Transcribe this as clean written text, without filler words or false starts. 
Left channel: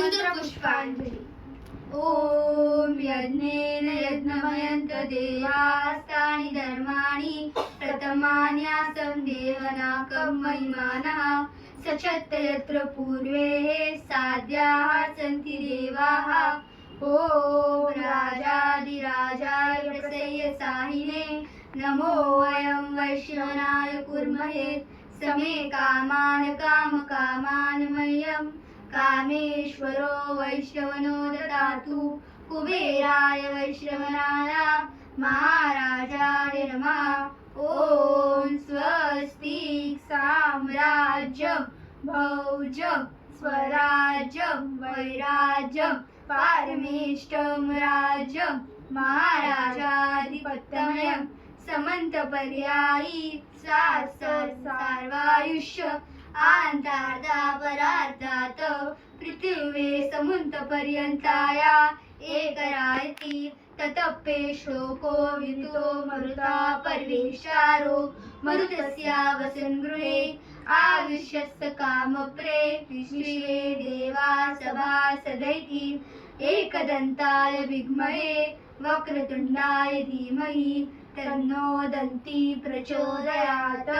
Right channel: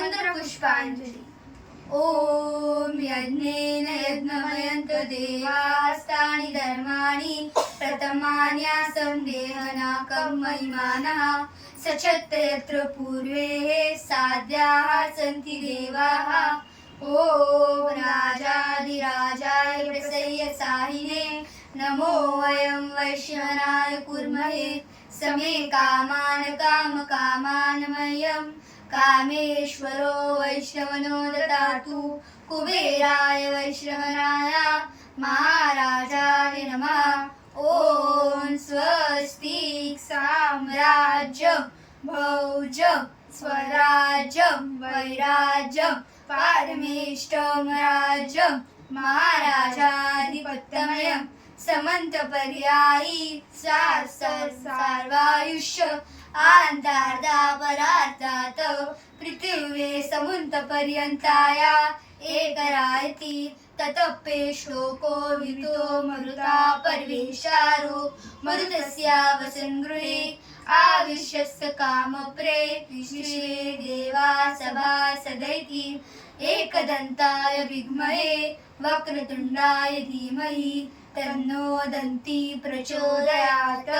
मंत्रपुष्पांजली। ओम यज्ञेन यज्ञमयन्त देवास्तानि धर्माणि प्रथमान्यासं देहनाकं महिमानः सचत्त यत्र पूर्वे साध्याः सन्ति देवाः। ओम राजाधिराजाय प्रसय्यसाहिने नमो वयं वैश्रवणाय कुर्महे समे कामान् कामकामान् मह्यं कामेश्वरो वैश्रवणो ददातु कुबेराय वैश्रवणाय महाराजाय नमः। ओम स्वस्ति साम्राज्यं भौज्यं स्वराज्यं वैराज्यं पारमेष्टं राज्यं महाराजाधिपत्यमयं समन्तपर्यायी सार्वायुष्य आन्तार्धापरार्धात् पृथिवे समुन्तपर्यन्ताया एकरायति ततप्पे श्लोको वितो मरुता पर्वेशारो मरुतस्या वसन् गृहे आविश्यस्य कामप्रे विश्वे देवा सभा सदैति एकदन्ताय विद्महे वक्रतुण्डाय धीमहि तन्नो दन्ती प्रचोदयात्।